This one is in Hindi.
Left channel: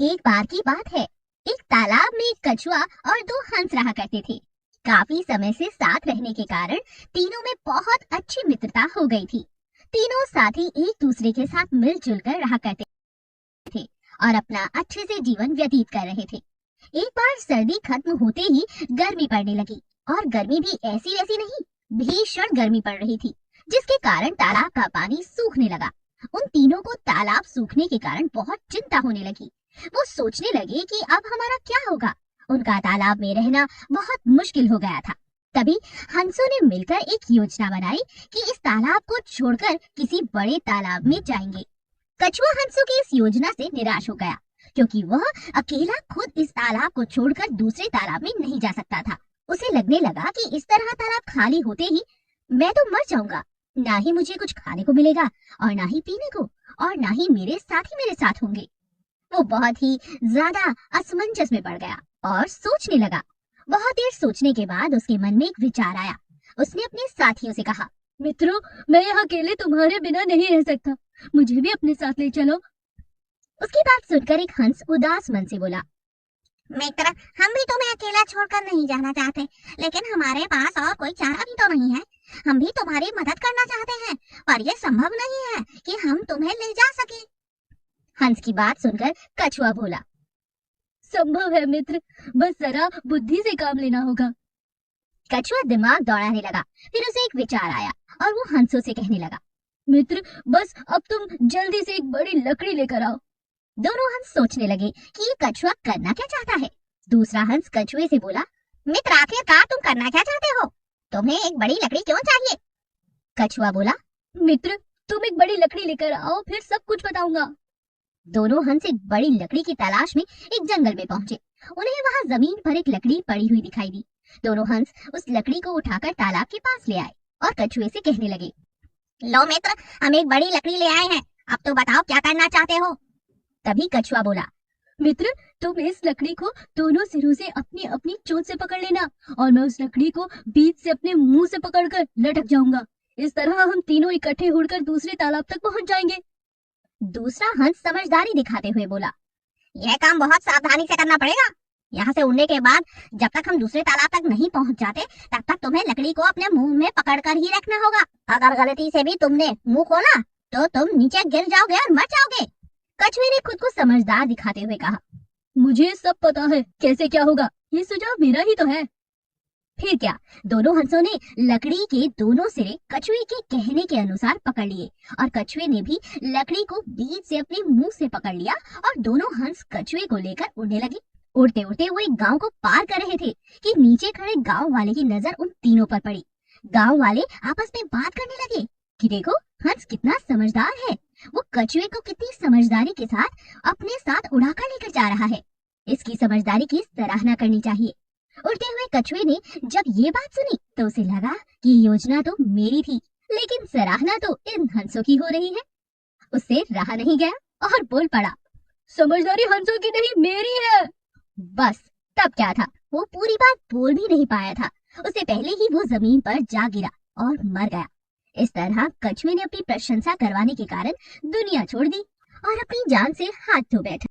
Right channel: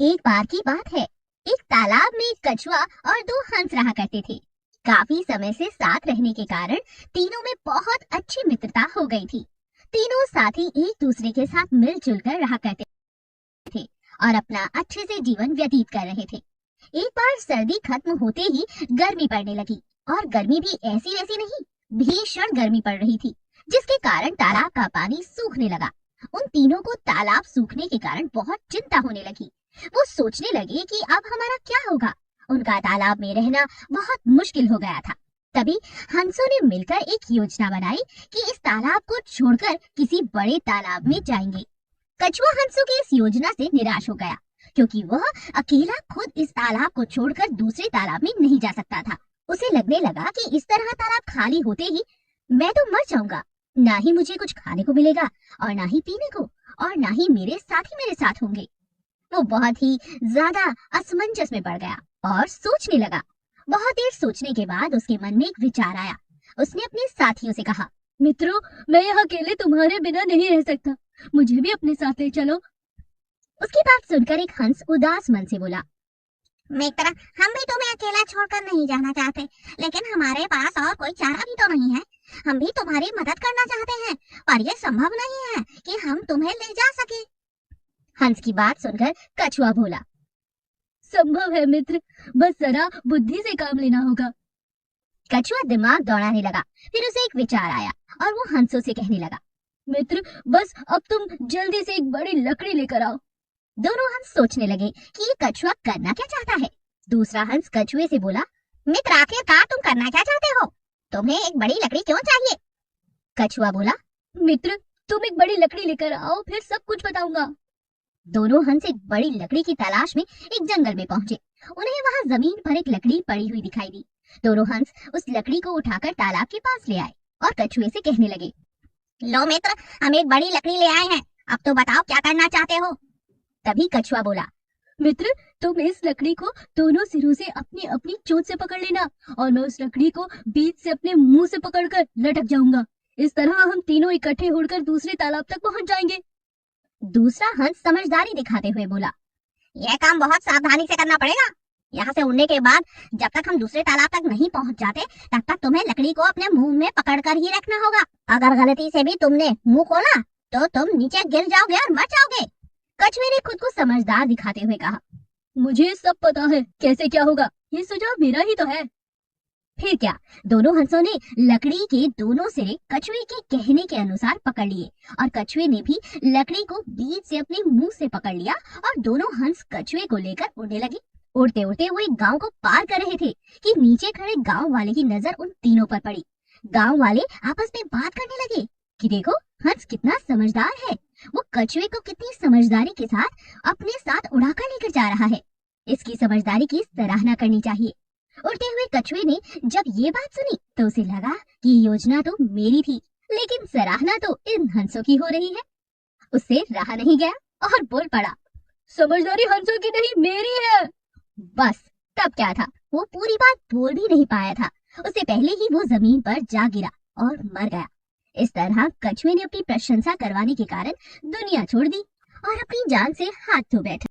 एक बार की बात है। एक तालाब में एक कछुआ और दो हंस रहा करते थे। काफी समय से साथ रहने के कारण तीनों में बहुत अच्छी मित्रता हो गई थी। तीनों साथी एक दूसरे के साथ मिलजुल कर रहा करते थे और अपना अच्छे से जीवन व्यतीत कर रहे थे। एक बार सर्दी खत्म होते ही गर्मी पड़ने लगी और गर्मी भी ऐसी ऐसी नहीं, भीषण गर्मी पड़ रही थी, जिसके कारण तालाब का पानी सूखने लगा। उन तीनों को तालाब सूखने के कारण बहुत चिंता होने लगी। वो सोचने लगे कि अब हमारा क्या होगा। उनका तालाब में रहना बहुत मुश्किल हो गया था। तभी हंसों ने मिलकर एक योजना बनाई कि इस तालाब को छोड़कर किसी बड़े तालाब में जाएंगे। कछुआ हंसों की इस योजना से निराश हो गया, क्योंकि वह अकेला खुद इस तालाब को छोड़कर दूसरे तालाब में नहीं जा सकता था। उसे लगने लगा कि इस तरह तालाब खाली होते ही मैं तो मर जाऊंगा। ना ही मुझे कुछ खाने को मिलेगा और ना ही पीने को, और ना ही मेरे साथी मेरे साथ होंगे। वो बहुत ही ज्यादा असमंजस में पड़ गया और सोचने लगा। बहुत देर सोचने के बाद उसके मन में एक विचार आया। उसने अपने साथियों से कहा, मित्रों, मैं यहाँ अकेले तुम्हारे बिना नहीं रह सकता, मुझे भी अपने साथ ले चलो। उसकी बात सुनकर एक हंस उदास मन से बोला, मित्र, हम भी तुम्हें अकेला छोड़कर नहीं जाना चाहते, लेकिन हमारे पास और कोई चारा भी तो नहीं है। हम भी तुम्हारी मदद करना चाहते हैं, पर यह संभव नहीं है कि हम तुम्हें ले जा सके। हंस की बात सुनकर कछुआ बोला, संभव है मित्र, बस जरा बुद्धि से काम लेना होगा। कछुआ दिमाग दौड़ाने लगा। फिर उसे एक विचार आया और वो हंसों से कहने लगा, मित्र, बस अब तुम जल्दी से एक बड़ी लकड़ी लेकर आओ। दोनों हंस सोचने लगे कि ये कछुआ करना क्या चाहता है। दूसरा हंस कछुए से बोला, मित्र, आखिरकार तुम करना क्या चाहते हो? तुम्हें एक बड़ी लकड़ी क्यों चाहिए? कछुआ बोला, मित्र, तुम एक बड़ी लकड़ी लेकर आओ, फिर सब कुछ बताऊंगा। दोनों हंस एक बड़ी लकड़ी की तलाश में एक जंगल में पहुंचे। उन्हें वहां जमीन पर एक लकड़ी पड़ी हुई दिखाई दी। दोनों हंस उस लकड़ी को उठाकर तालाब के पास ले आए और कछुए से कहने लगे, लो मित्र, हम एक बड़ी लकड़ी ले आए हैं, अब तो बताओ क्या करना चाहते हो? तभी कछुआ बोला, मित्र, तुम इस लकड़ी को दोनों सिरों से अपनी अपनी चोंच से पकड़ लेना और मैं उस लकड़ी को बीच से अपने मुंह से पकड़कर लटक जाऊंगा। इस तरह हम तीनों इकट्ठे उड़कर दूसरे तालाब तक पहुंच जाएंगे। दूसरा हंस समझदारी दिखाते हुए बोला, यह काम बहुत सावधानी से करना पड़ेगा। यहाँ से उड़ने के बाद जब तक हम दूसरे तालाब तक नहीं पहुँच जाते, तब तक तुम्हें लकड़ी को अपने मुंह में पकड़कर ही रखना होगा। अगर गलती से भी तुमने मुंह खोला तो तुम नीचे गिर जाओगे और मर जाओगे। कछुए ने खुद को समझदार दिखाते हुए कहा, मुझे सब पता है कैसे क्या होगा, ये सुझाव मेरा ही तो है। फिर क्या, दोनों हंसों ने लकड़ी के दोनों सिरे कछुए के कहने के अनुसार पकड़ लिए और कछुए ने भी लकड़ी को बीच से अपने मुंह से पकड़ लिया और दोनों हंस कछुए को लेकर उड़ने लगे। उड़ते उड़ते वो एक गांव को पार कर रहे थे कि नीचे खड़े गांव वाले की नजर उन तीनों पर पड़ी। गांव वाले आपस में बात करने लगे कि देखो, हंस कितना समझदार है, वो कछुए को कितनी समझदारी के साथ अपने साथ उड़ाकर लेकर जा रहा है। इसकी समझदारी की सराहना करनी चाहिए। उड़ते हुए कछुए ने जब ये बात सुनी तो उसे लगा कि ये योजना तो मेरी थी, लेकिन सराहना तो इन हंसों की हो रही है। उससे रहा नहीं गया और बोल पड़ा, समझदारी हंसों की नहीं, मेरी है। बस तब क्या था, वो पूरी बात बोल भी नहीं पाया था। उससे पहले ही वो जमीन पर जा गिरा और मर गया। इस तरह कछुए ने अपनी प्रशंसा करवाने के कारण दुनिया छोड़ दी और अपनी जान से हाथ धो बैठा।